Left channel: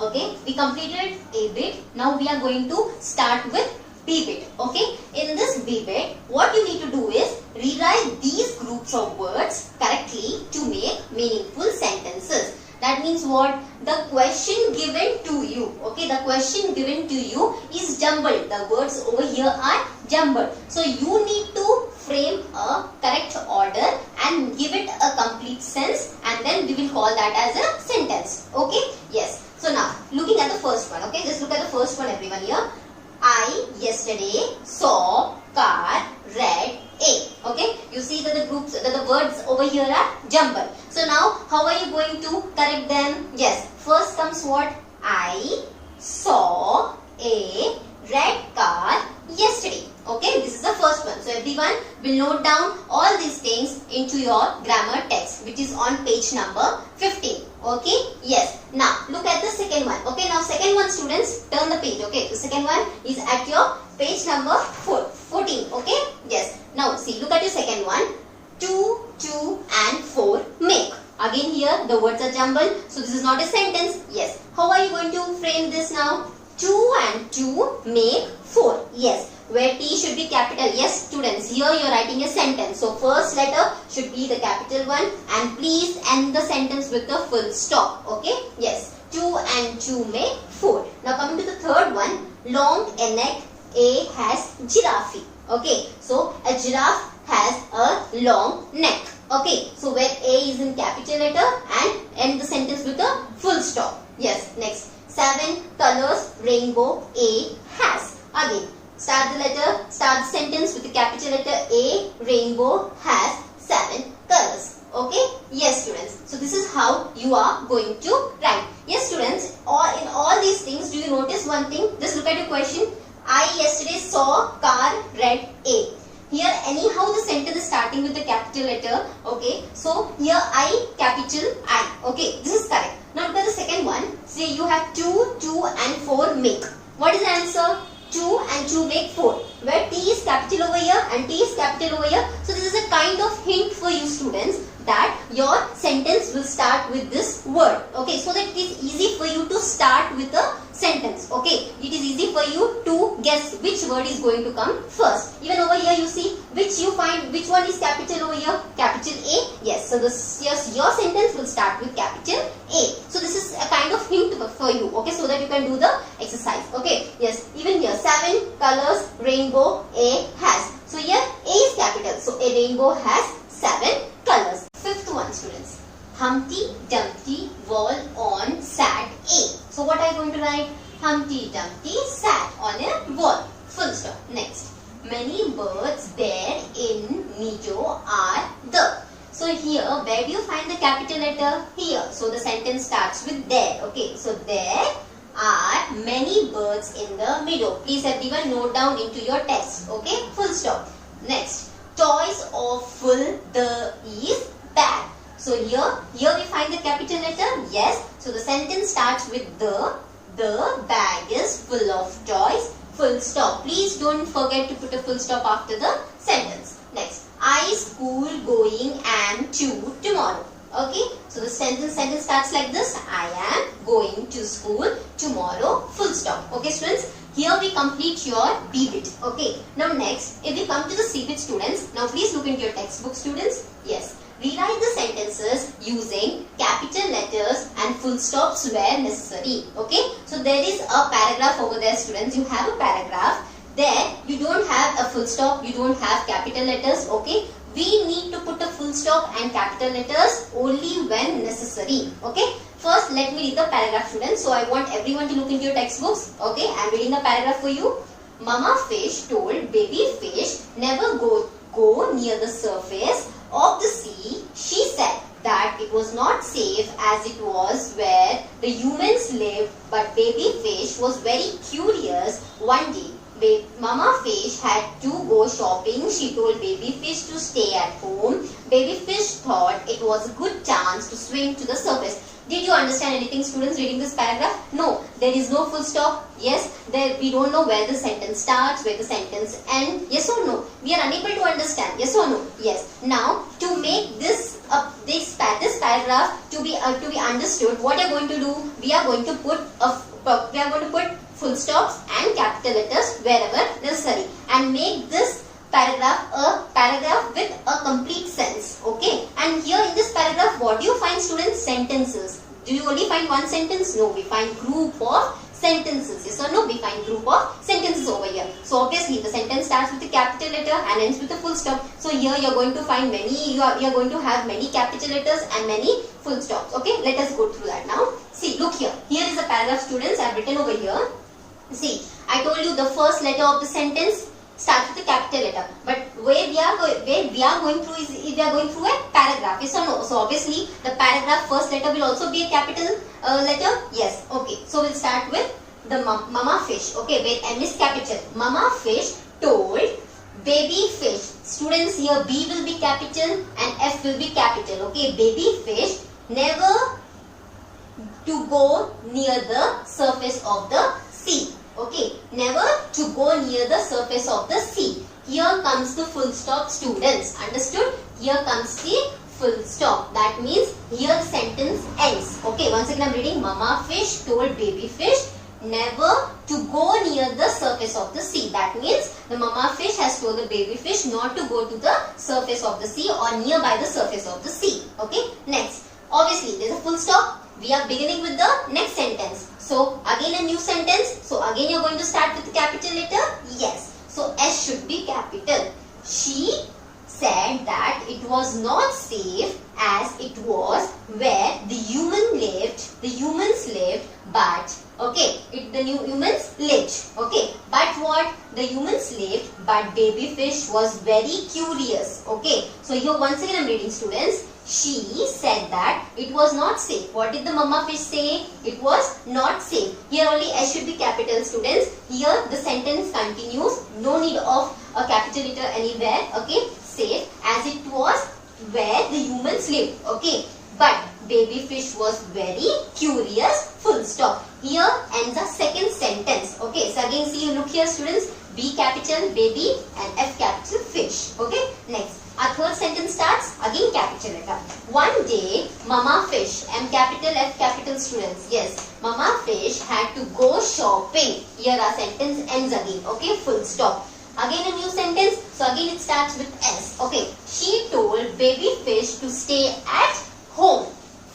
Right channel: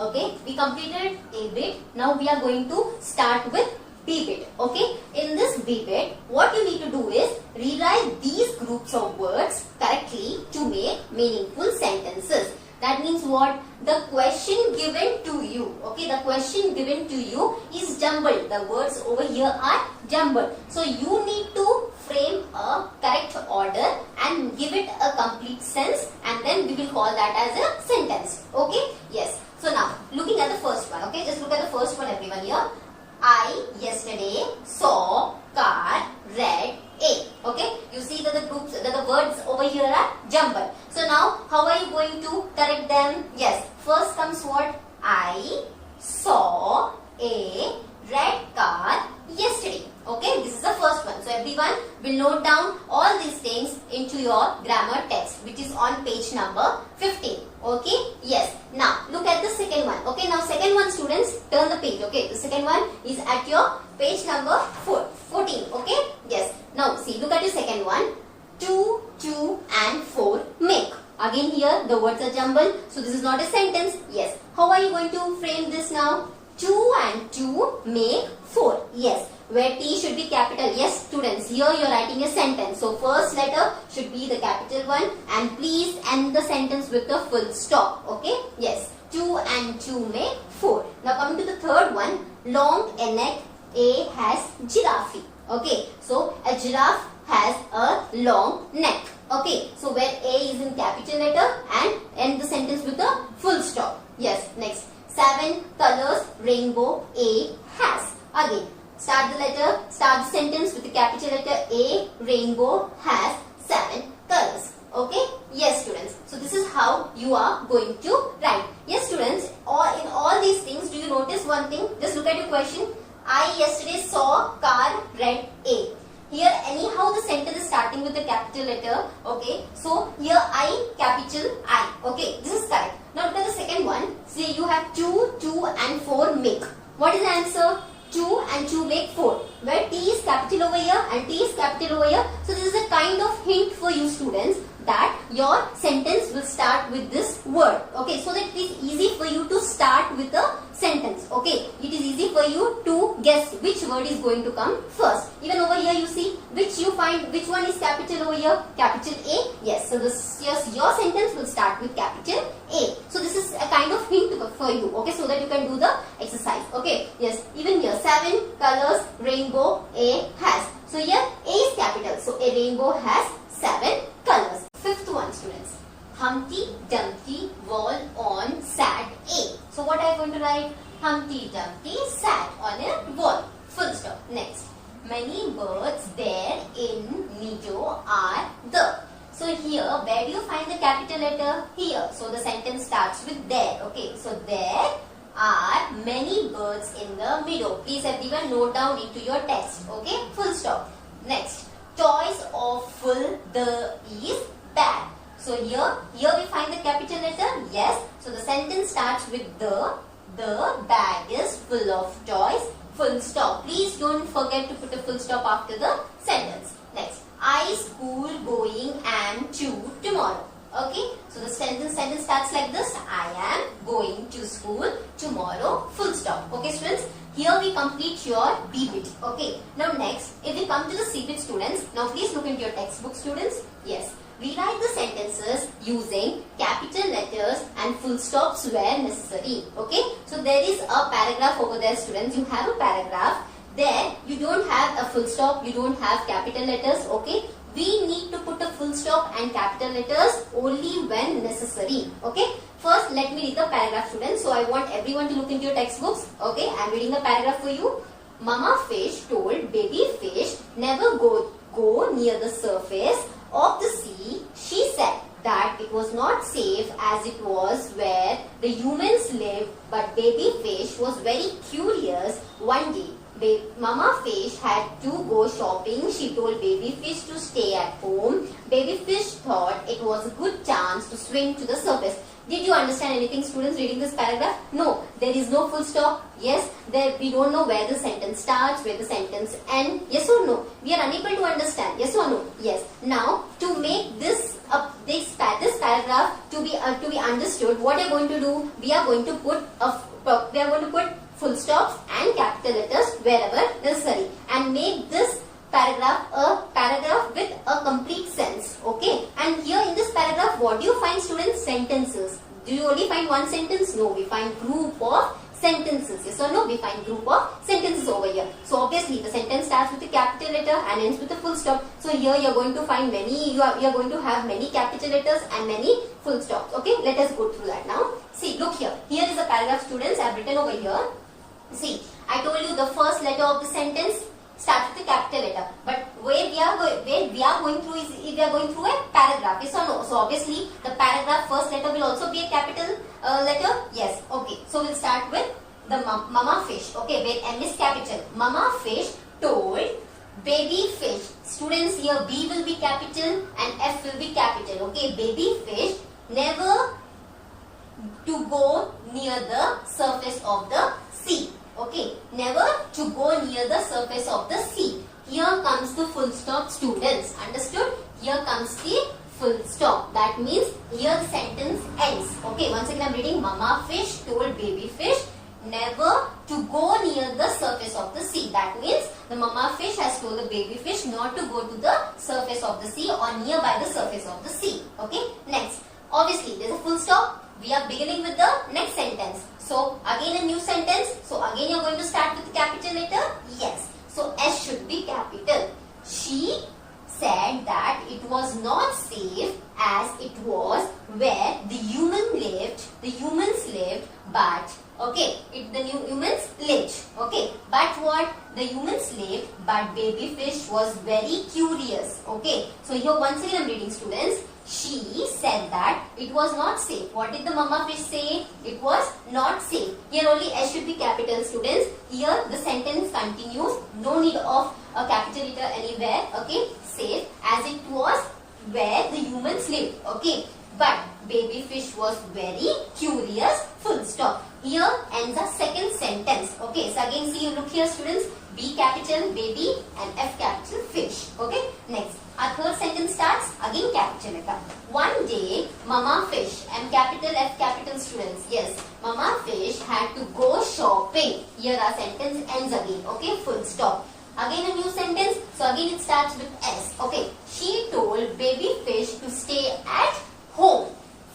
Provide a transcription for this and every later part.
Okay, we completed A bit. Now we are going to start with B bit. Okay, in this B bit, what you need to do is rewrite these groups of words correctly to make meaningful sentences. That means what? The question given to you, okay, the question given to you is jumbled. The words over here are jumbled. So you need to frame a correct order and give it a complete sense, and then we will call that as a sentence. Okay, yes. So now looking at the first one, okay, just look at the first one, everyone here. I yesterday saw car red A. Okay, you see that the groups, that the words over here are jumbled. So now how are you going to correct them? Yes, first comes what? I saw a red car yesterday. Okay, this is the first one. So everyone will note down all these things into your grammar text, which is on page number 15. Okay, yes. Now look at the second one. Okay, now second one, students, turn the page. Okay, the second one is at your page number 14. Okay, yes. Now see, look at your second one. 2, 2 and 4 make. Again here the words are jumbled, so this is not a sentence. Yes. How are you going to frame this now? 2 and 2 make 4. Yes. Where T should be capital. Yes, students, here you are writing a sentence. So first letter should be the capital one, and please end the sentence with the full stop. Okay, yes, 2 and 2 make 4. Now coming to the third one, long neck A has giraffe. Okay, so a giraffe has a long neck. Okay, so where A is in capital letter and end the sentence with a full stop. Yes, next, 7 colors rainbow A has. Again, start the sentence with the capital letter A. Rainbow has 7 colors. Okay? Yes, students. So this is how you are going to write. Yes, students. In all these things, do you notice one thing? Just look at the question. I yesterday saw car red A. Here, anyhow, the sentence is starting with the capital letter. Okay? So here, I, capital I. Okay? This is correct. Now look at the second one. See, you have 2, 2 and 4 make. What is the answer? 2 and 2 make 4, where T is capital over here and T is capital over here. So this is a kind of hint for you, students, that your sentence will start with this word. Okay, so that it is easy for you to start with the sentence. Okay, it is easy for you to guess which word is going to come first. Even over here you see which you find, which one is capital over here? Capital A. Yes, so this, yes, your sentence will start with capital A. So this is a kind of hint for you. Okay, so that you can do the exercise. Okay, yes, even here 7 colors rainbow A has. So here A is capital. So a rainbow has 7 colors. Fifth one, students. Humpty Dumpty wall on sat A. So what are you going to write? Humpty Dumpty sat on a wall. Full stop. Next. Many birds there in meadow are the. So here, where do you find the capital letter? Here. So the sentence starts with there. Okay. So there are many birds in the meadow. Please everyone note down into your text. Okay. Full stop. Next. Toys are full, the is bag. So here we find the capital letter. Yes. So the sentence starts with the bag is full of toys. Full stop. Please don't forget to put a full stop after the sentence. Next, I school going am to tomorrow. Okay. So the sentence starts like this. I am going to school tomorrow. Full stop. Okay, students. Here we complete your B bit. Okay. Now next, if we come to the C bit, students. Now please look into your textbook, students. Yes. Rewrite the sentences using capital letters and full stops where necessary. Okay. So there is a paragraph over there, students. You have a paragraph. There you don't have a full stop. You don't have capital letters. Okay. We need to put a full stop and capital letters only when necessary. Okay. First, let me read the paragraph, students. So I want everyone to look into your textbooks. Okay. I am reading the paragraph for you. Mama fish told baby fish never go near the surface of the sea. She said that it was not safe as it was where the humans lived, but baby fish was very curious. One day, Mama fish had to go shopping. She told baby fish to stay at home. Baby fish thought it was a good chance to swim to the surface. Did you understand anything, students, reading this paragraph? No, there is no full stop. Yes, there we don't know where the sentence starts, where the sentence ends. Yes or no? We are unable to understand. Yes or no? Yes. Now, to make this this paragraph to be understood, what you are going to do? We are going to put full stops and capital letters wherever necessary, and make this paragraph a paragraph with a complete sense. Okay, and here in this paragraph, what do you find, students? Sentences. Do you only find one sentence? No, we find group of sentences. Yes or no? We find group of sentences over here. So obviously the sentence starts with a capital letter and ends with a full stop. So here you are going to find many, you are going to have many capital letters and many full stops. Okay, let us go through that now. See, look here. Here is a paragraph, students. I have written over here. See, I told you the first letter of the sentence starts with a capital letter, but where we are going through is we are going through a paragraph. Yes or no? So obviously the paragraph first letter will also be a capital letter. Yes. Okay. So we'll start with the mama fish. Okay, where M is capital. Mama fish told baby fish. Students, here B will be capital and F will be capital. Okay, baby fish never to go near the surface of the sea. Okay, never to go near the surface of the sea. Here comes the full stop, students. Understood? Here comes the full stop. That means here the sentence ends. Okay, once again I am reading. Mama fish told baby fish never to go near the surface of the sea. That means the mama fish has told the baby fish not to go to the surface of the sea or nearby the surface of the sea. Okay, next. Obviously, there is a full stop. We are beginning with the next sentence. So, again a new sentence. So, again you are going to start with the capital letter. Yes. So, S should be capital. She said that it was not safe as it was where the humans lived, but okay, the humans lived. Okay, but what? The humans lived, but baby fish was very curious. Okay, so here once again I am reading, students. She said that it was not safe. What did the mama fish say? It was not safe. Here only S should be capital, students. Here the sentence continues. No need of a capital letter anywhere. Okay, safe as it was where the humans lived. Okay, but baby fish was very curious. Full stop. Here ends the second sentence. Okay, so again see, look here, students. B capital baby and F capital fish. Okay, next. Our third sentence starts again capital letter. One day, mama fish, M capital, F capital, students. Yes, mama fish had to go shopping. Here our sentence ends again. Okay, full stop. Again a new sentence. So again it starts with S. Okay, she told baby fish to stay at home.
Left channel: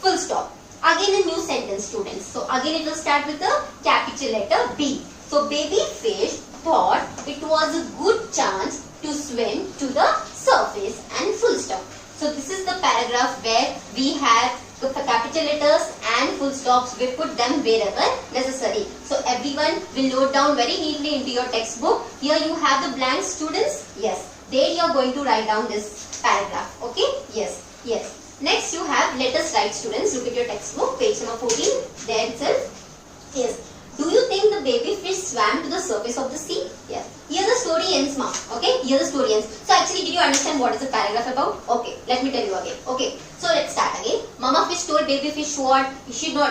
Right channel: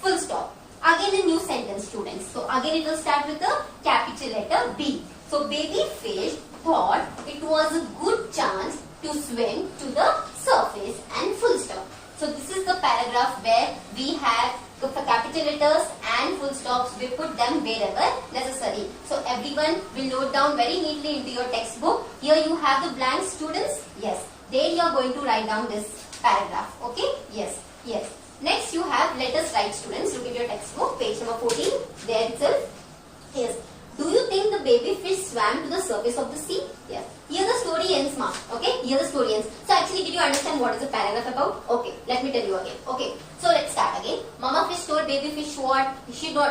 Full stop. Again a new sentence, students. So again it will start with the capital letter B. So baby fish thought it was a good chance to swim to the surface and full stop. So this is the paragraph where we have the capital letters and full stops. We put them wherever necessary. So everyone will note down very neatly into your textbook. Here you have the blanks, students. Yes, there you are going to write down this paragraph. Okay. Yes. Yes. Next you have let us write, students. Look at your textbook, page number 14. There itself. Yes. Do you think the baby fish swam to the surface of the sea? Yes. Here the story ends, ma. Okay. Here the story ends. So actually, did you understand what is the paragraph about? Okay. Let me tell you again. Okay. So let's start again. Mama fish told baby fish what?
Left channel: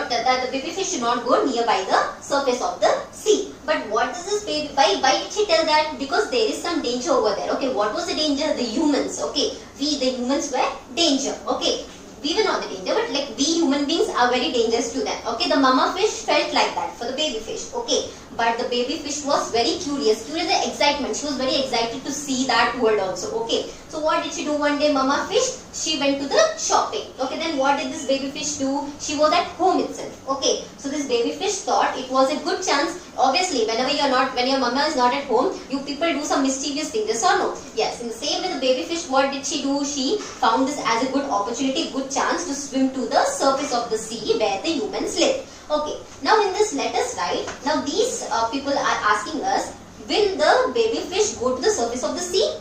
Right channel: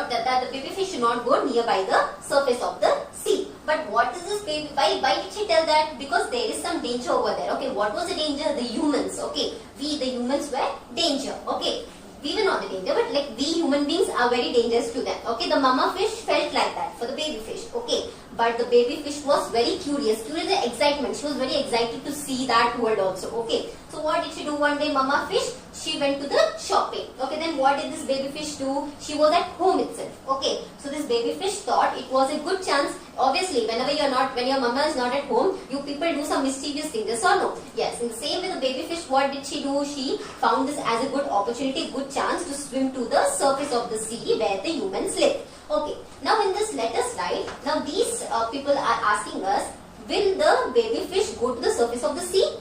That the baby fish should not go nearby the surface of the sea. But what is this baby? Why did she tell that? Because there is some danger over there. Okay. What was the danger? The humans. Okay. We, the humans, were danger. Okay. We were not the danger, but like we human beings are very dangerous to them. Okay, the mama fish felt like that for the baby fish. Okay, but the baby fish was very curious. Curious, the excitement. She was very excited to see that world also. Okay, so what did she do one day? Mama fish, she went to the shopping. Okay, then what did this baby fish do? She was at home itself. Okay, so this baby fish thought it was a good chance. Obviously, when your mama is not at home, you people do some mischievous things. Yes or no? Yes. In the same way, the baby fish, what did she do? She found this as a good opportunity, good chance to swim to the surface of the sea where the humans live. Okay. Now in this, let us write. Now these people are asking us, will the baby fish go to the surface of the sea?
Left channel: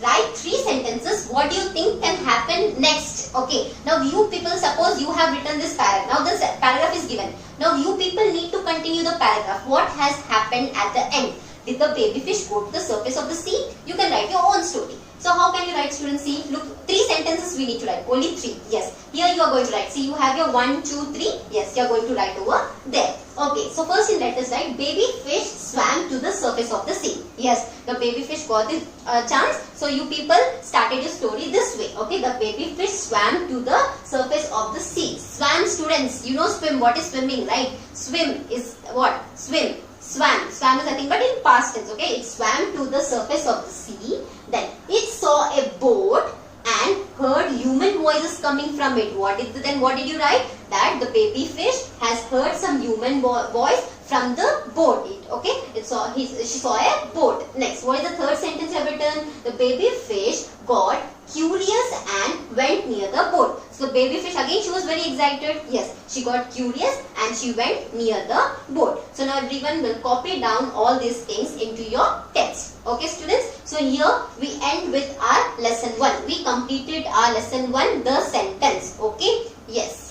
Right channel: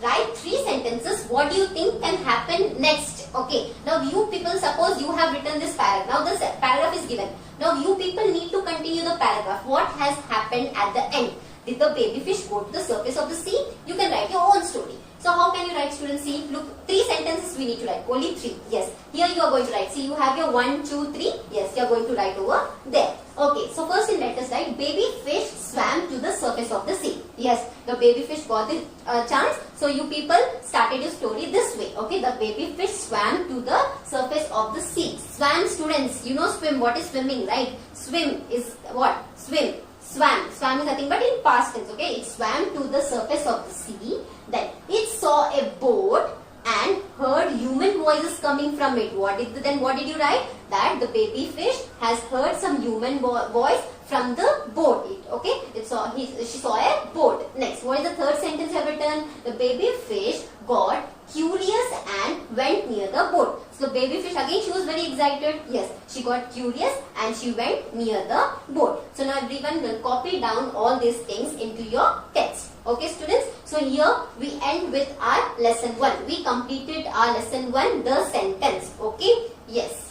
Write 3 sentences. What do you think can happen next? Okay. Now you people, suppose you have written this paragraph. Now this paragraph is given. Now you people need to continue the paragraph. What has happened at the end? Did the baby fish go to the surface of the sea? You can write your own story. So how can you write, students? See, look, 3 sentences we need to write. Only 3. Yes. Here you are going to write. See, you have your 1, 2, 3. Yes, you are going to write over there. Okay. So first in let us write, baby fish swam to the surface of the sea. Yes, the baby fish got the chance. So you people started your story this way. Okay, the baby fish swam to the surface of the sea. Swam, students, you know swim. What is swimming, right? Swim is what? Swim. Swam. Swam is nothing but in past tense. Okay, it swam to the surface of the sea. Then it saw a boat and heard human voices coming from it. What did you write? That the baby fish has heard some human voice from the boat. She saw a boat. Next, what is the third sentence you have written? The baby fish got curious and went near the boat. So baby fish, again she was very excited. Yes, she got curious and she went near the boat. So now everyone will copy down all these things into your text. Okay students, so here we end with our lesson 1. We completed our lesson 1, the sentence. Okay, yes.